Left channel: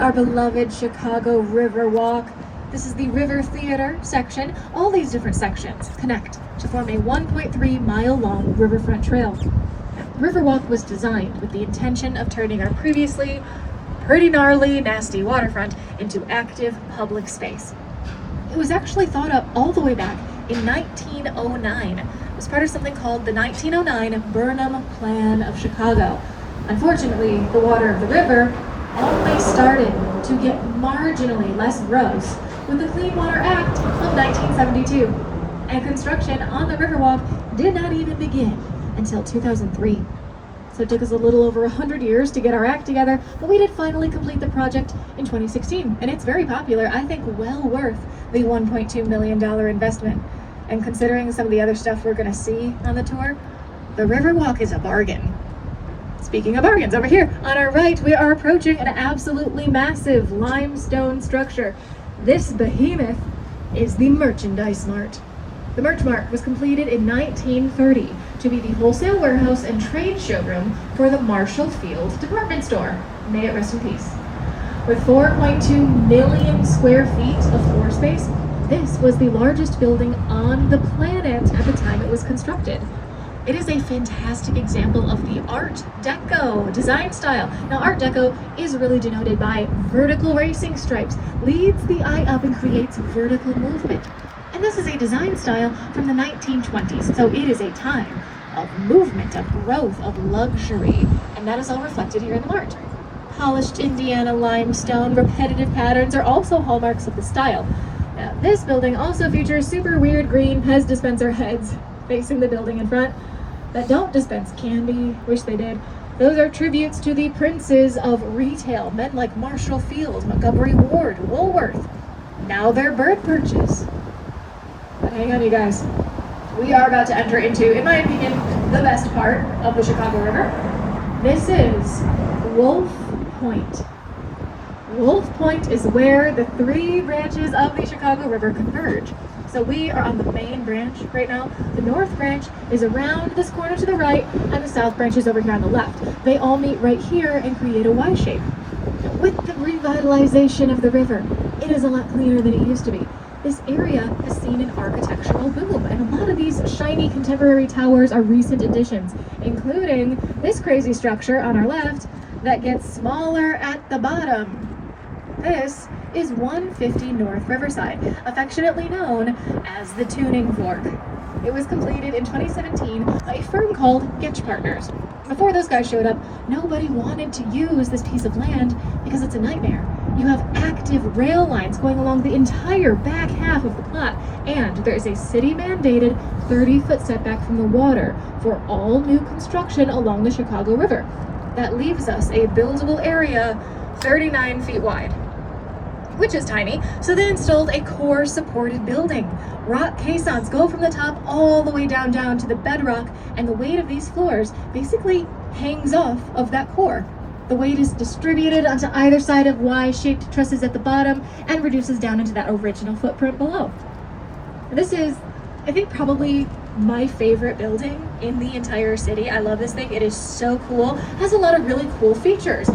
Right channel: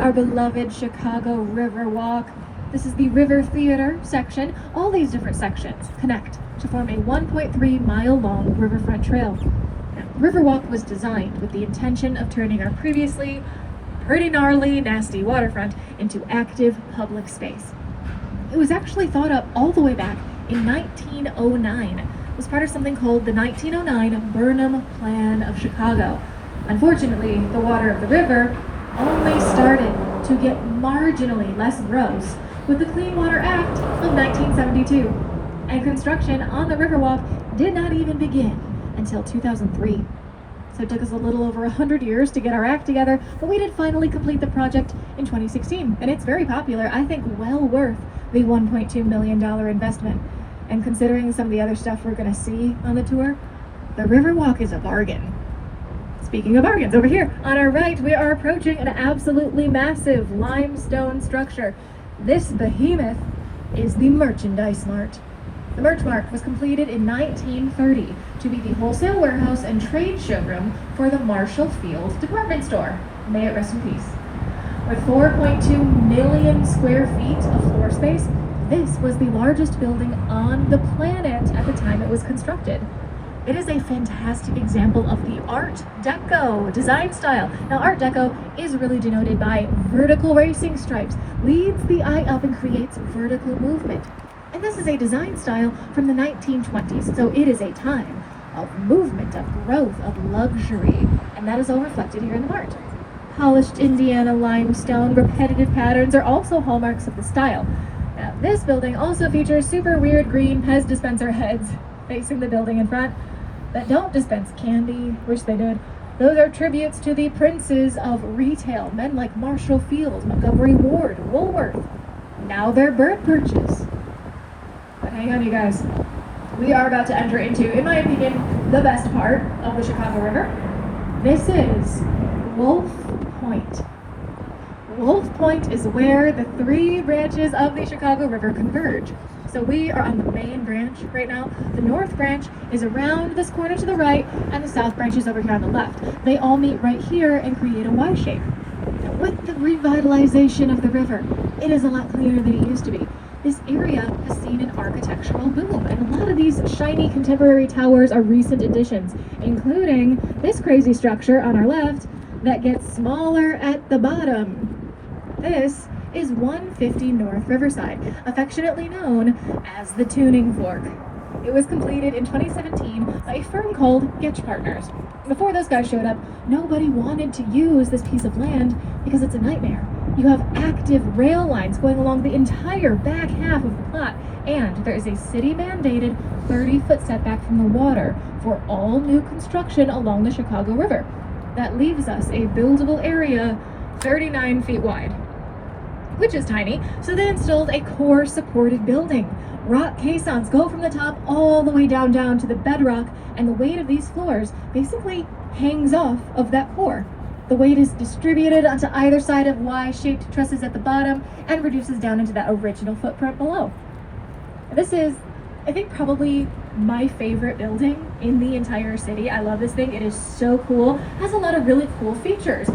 Our beloved Chicago Riverwalk. This is the River Theater section. All these different sections connect to form a 1.3 mile long riverfront trail. Now, Riverwalk was designed with the intention of turning our previously pretty gnarly, nasty waterfront into active public space. It was actually thought up all the way back in 1909. It was part of something called the 1909 Burnham Plan of Chicago. Unfortunately, the water of the river only started to get marginally less gross with the Clean Water Act of 1972. And construction on the Riverwalk did not even begin until 2003. So it took us a little over 100 years to get our act together, but we did finally complete the project in 2016. And it's very popular, I think well worth the $1.2 million investment. And considering some of the other stuff we're gonna see on the tour, the Riverwalk is a bargain. Speaking of bargains, over here on our right, we are approaching an absolutely massive limestone structure. This behemoth is the Merchandise Mart. The Merch Mart was completed in 1930 to be the wholesale warehouse and trade showroom for the Marshall Field department store. May it rest in peace. With 4.2 million square feet of floor space, this was the largest building on the planet at the time it was constructed. It is a fantastic example of the Art Deco design style. Now, Art Deco is really denoted by vertical racing stripes, leads the eye up and creates vertical movement. And this is a design style from the 1920s, so it is a time of movement, of growth, of luxury, and that is all reflected here in the Mart. Polished Indiana limestone, repetitive patterns are also hallmarks of the style. Now, this building also features super weird green Pez dispenser heads facing the building in front that don't dispense candy, wish they did. Those are tributes to the princes of retail, men like Marshall Field, Montgomery Ward, Woolworth. Now they're bird perches. But hang on, you guys. We are about to enter into, in my opinion, the best part of the Chicago River. This is Wolf Point. Wolf Point is where the three branches of the Chicago River converge. So we are on the main branch right now. The north branch is around this corner to the right, and the south branch is over here on the left. They all meet right here and create a Y shape. With the revitalization of the river, it is a lot cleaner than it used to be. This area has seen an architectural boom, and a lot of these shiny contemporary towers are recent additions, including this crazy structure on our left that gets smaller at the bottom. This is 150 North Riverside, affectionately known as the Tuning Fork. It was completed in 2017 by a firm called Getch Partners. Before those guys showed up, nobody wanted to use this piece of land because it's a nightmare. You have active rail lines going along the entire back half of the plot, and there is a city-mandated 30-foot setback from the water for all new construction along the Chicago River. That leaves us a buildable area 39 feet wide, which is tiny, so they installed a core supported building. Rock caissons go from the top all the way down to the bedrock, and the weight of these floors basically hangs off of that core. The weight is distributed onto either side of Y-shaped trusses at the bottom and reduces down into that original footprint below. This is, I think, probably my favorite building in the entire city. I love this thing. It is so cool. It has a lot of really cool features.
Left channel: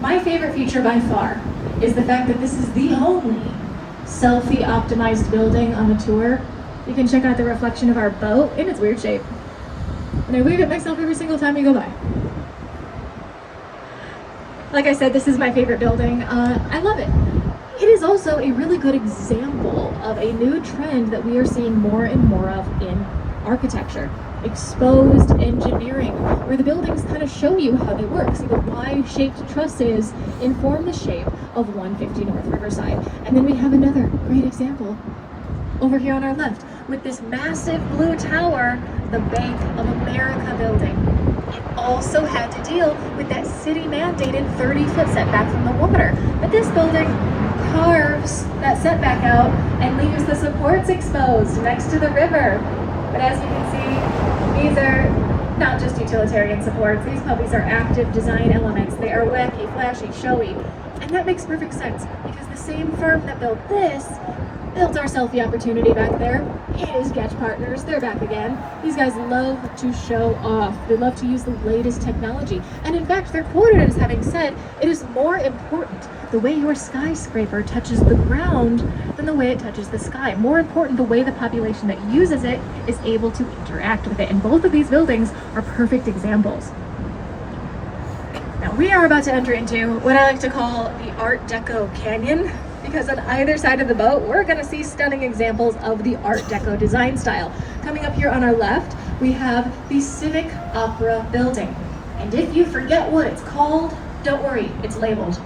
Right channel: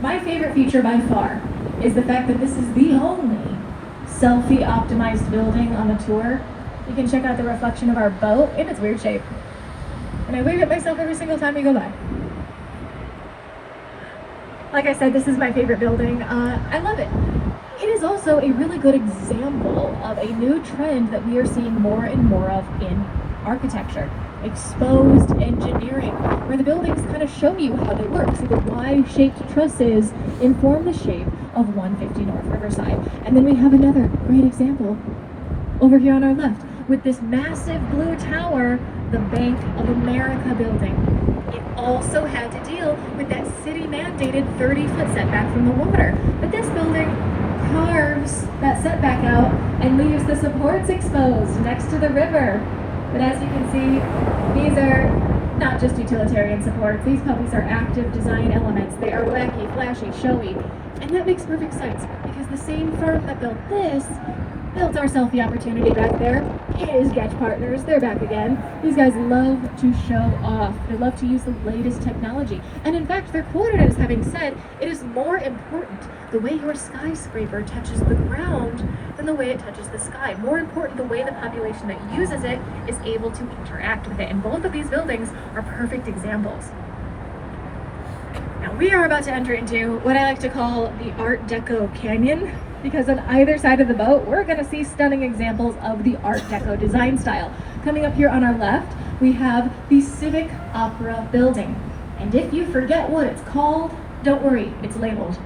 My favorite feature by far is the fact that this is the only selfie optimized building on the tour. You can check out the reflection of our boat in its weird shape. And I wave at myself every single time we go by. Like I said, this is my favorite building. I love it. It is also a really good example of a new trend that we are seeing more and more of in architecture. Exposed engineering, where the buildings kind of show you how they work. See, the Y-shaped trusses inform the shape of 150 North Riverside. And then we have another great example over here on our left with this massive blue tower, the Bank of America building. It also had to deal with that city-mandated 30-foot setback from the water. But this building carves that setback out and leaves the supports exposed next to the river. But as you can see, these are not just utilitarian supports. These puppies are active design elements. They are wacky, flashy, showy. And that makes perfect sense because the same firm that built this built our selfie opportunity back there. Hey, sketch partners, they're back again. These guys love to show off. They love to use the latest technology. And in fact, they're quoted as having said, it is more important the way your skyscraper touches the ground than the way it touches the sky. More important, the way the population that uses it is able to interact with it. And both of these buildings are perfect examples. Now, we are about to enter into what I like to call the Art Deco Canyon, because on either side of the boat, we're going to see stunning examples of the Art Deco design style. Coming up here on our left, we have the Civic Opera building. And if you forget what it's called, don't worry, it's labeled.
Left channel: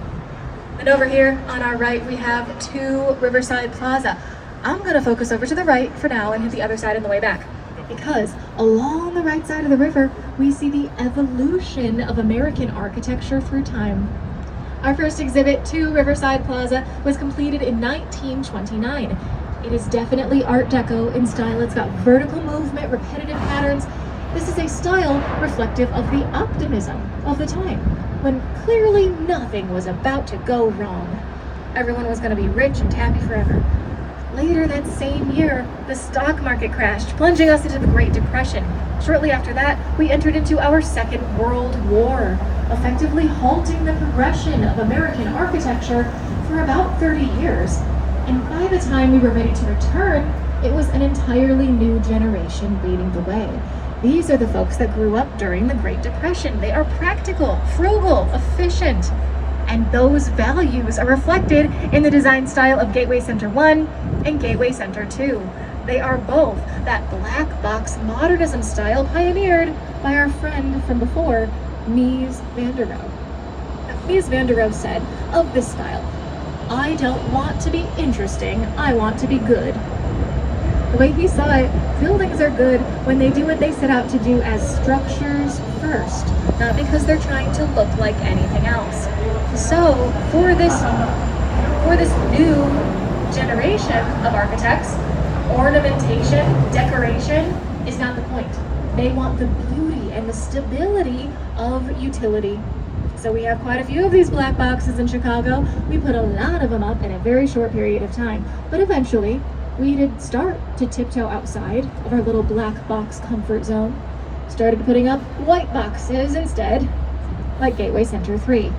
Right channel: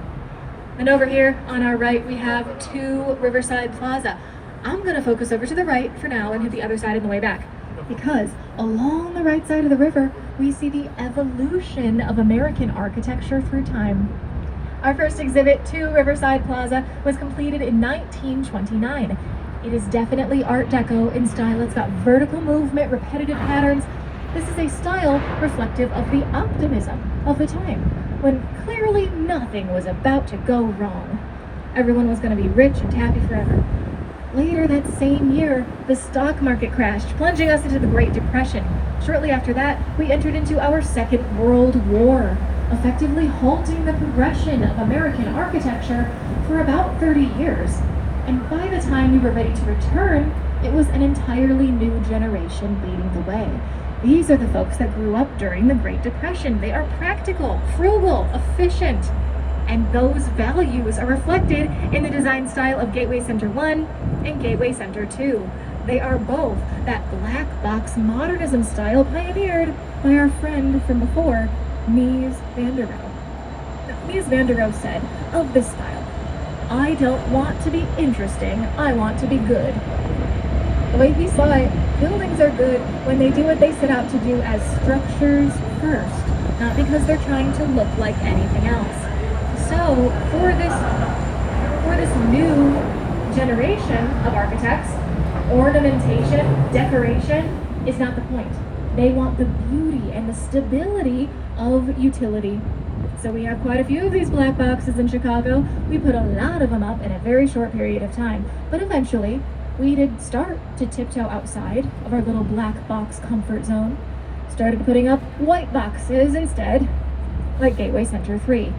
And over here on our right, we have 2 Riverside Plaza. I'm going to focus over to the right for now and hit the other side on the way back, because along the right side of the river, we see the evolution of American architecture through time. Our first exhibit, 2 Riverside Plaza, was completed in 1929. It is definitely Art Deco in style. It's got vertical movement, repetitive patterns. This is a style reflective of the optimism of the time, when clearly nothing was about to go wrong. Everyone was going to be rich and happy forever. Later that same year, the stock market crashed, plunging us into the Great Depression. Shortly after that, we entered into our Second World War, effectively halting the progression of American architecture for about 30 years. And by the time we were ready to return, it was an entirely new generation leading the way. These are the folks that grew up during the Great Depression. They are practical, frugal, efficient, and those values are reflected in the design style of Gateway Center 1 and Gateway Center 2. They are both that black box modernism style pioneered by our friend from before, Mies van der Rohe. Mies van der Rohe said of this style, "I don't want to be interesting, I want to be good." The way he saw it, buildings are good when they do what they set out to do as structures first, not because they're trying to look like anything else. So for this new generation of architects, ornamentation, decoration is not the point. They want the beauty and the stability of utility. So we have quite a few of these black boxes in Chicago. We put a lot of them up in a very short period of time, but eventually we did start to tiptoe outside of our little black box comfort zone. Started putting up white boxes instead, like Gateway Center 3.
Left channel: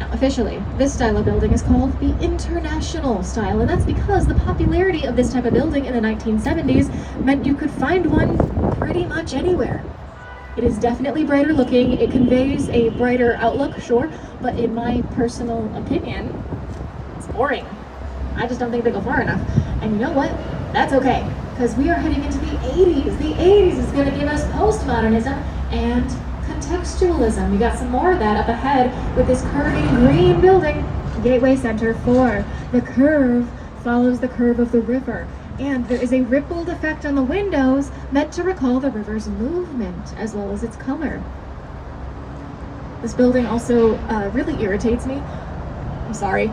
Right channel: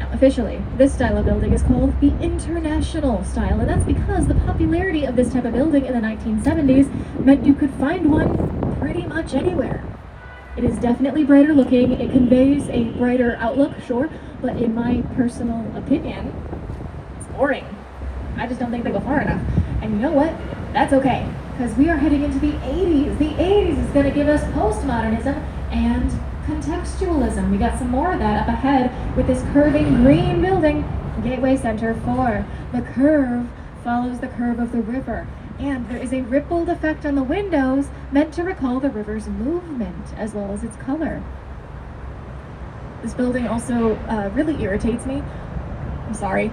Now, officially, this style of building is called the International style, and that's because the popularity of this type of building in the 1970s meant you could find one pretty much anywhere. It is definitely brighter looking. It conveys a brighter outlook, sure, but in my personal opinion, it's boring. I just don't think they go far enough. And you know what? That's okay, because we are heading into the 80s. The 80s is going to give us postmodernism and contextualism. We got some more of that up ahead with this curving green building, Gateway Center 4. The curve follows the curve of the river, and there is a rippled effect on the windows meant to recall the river's movement as well as its color. This building also really irritates me. I'm sorry.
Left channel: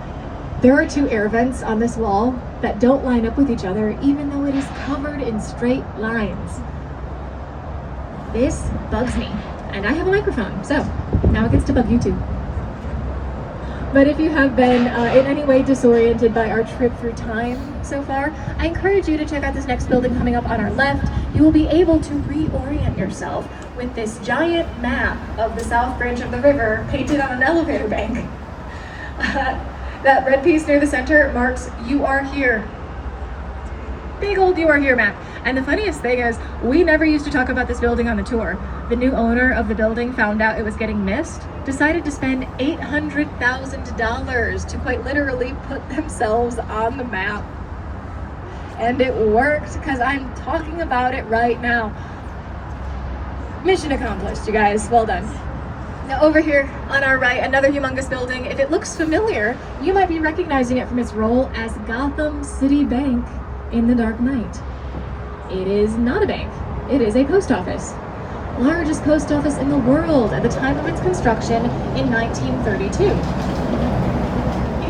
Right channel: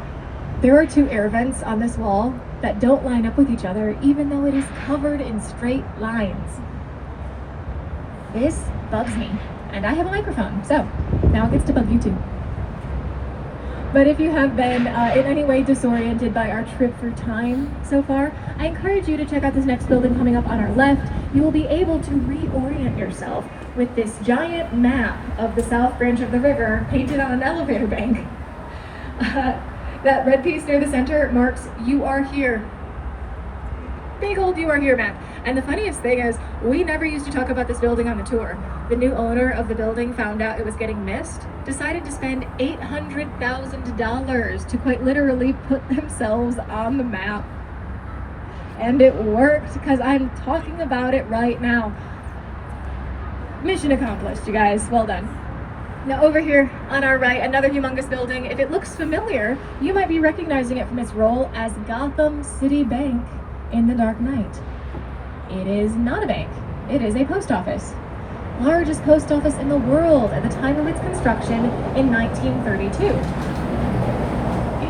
There are 2 air vents on this wall that don't line up with each other, even though it is covered in straight lines. This bugs me, and I have a microphone, so now it gets to bug you too. But if you have been in any way disoriented by our trip through time so far, I encourage you to check out this next building coming up on our left. You will be able to reorient yourself with this giant map of the South Branch of the river painted on an elevator bank. That red piece near the center marks "You Are Here." Big old "You Are Here" map. And the funniest thing is, we never used to talk about this building on the tour. The new owner of the building found out it was getting missed, decided to spend $800,000 to quite literally put themselves on the map. And it worked, because I'm talking about it right now. Mission accomplished, you guys. Well done. Now over here on our right, another humongous building. If it looks familiar, you might be recognizing it from its role as Gotham City Bank in The Dark Knight. It is not a bank. It is a post office. Largest post office in the world at the time of its construction in 1932.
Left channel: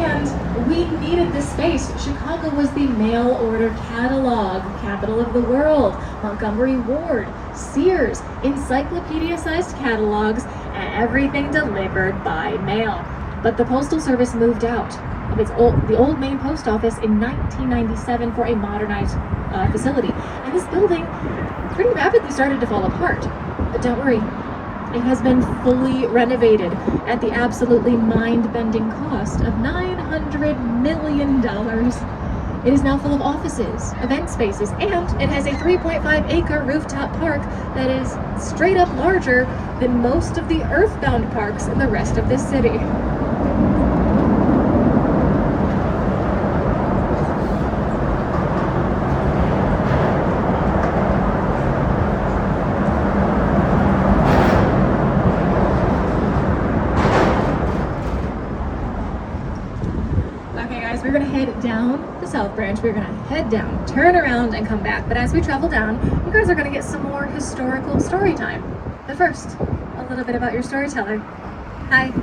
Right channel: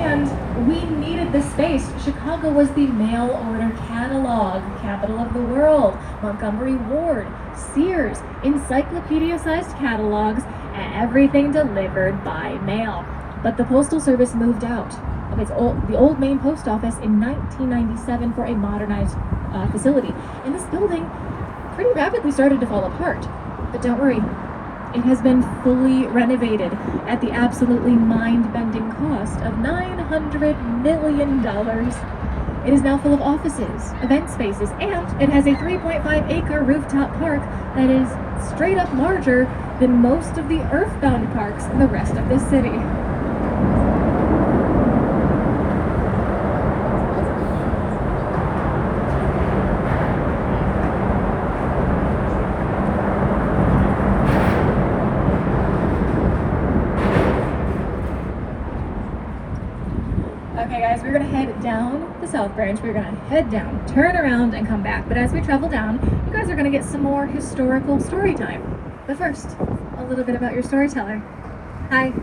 And we needed this space. Chicago was the mail order catalog capital of the world. Montgomery Ward, Sears, encyclopedia-sized catalogs, and everything delivered by mail. But the Postal Service moved out. of the old main post office in 1997 for a modernized facility. And this building pretty rapidly started to fall apart. But don't worry, it has been fully renovated at the absolutely mind-bending cost of $900 million. It is now full of offices, event spaces, and it has a 3.5-acre rooftop park that is straight up larger than most of the earthbound parks in the rest of this city. Okay guys, we're gonna head down the South Branch. We're gonna head down, turn around, and come back. But as we travel down, you guys are gonna get some more historical story time. But first, a little bit about your storyteller. Hi,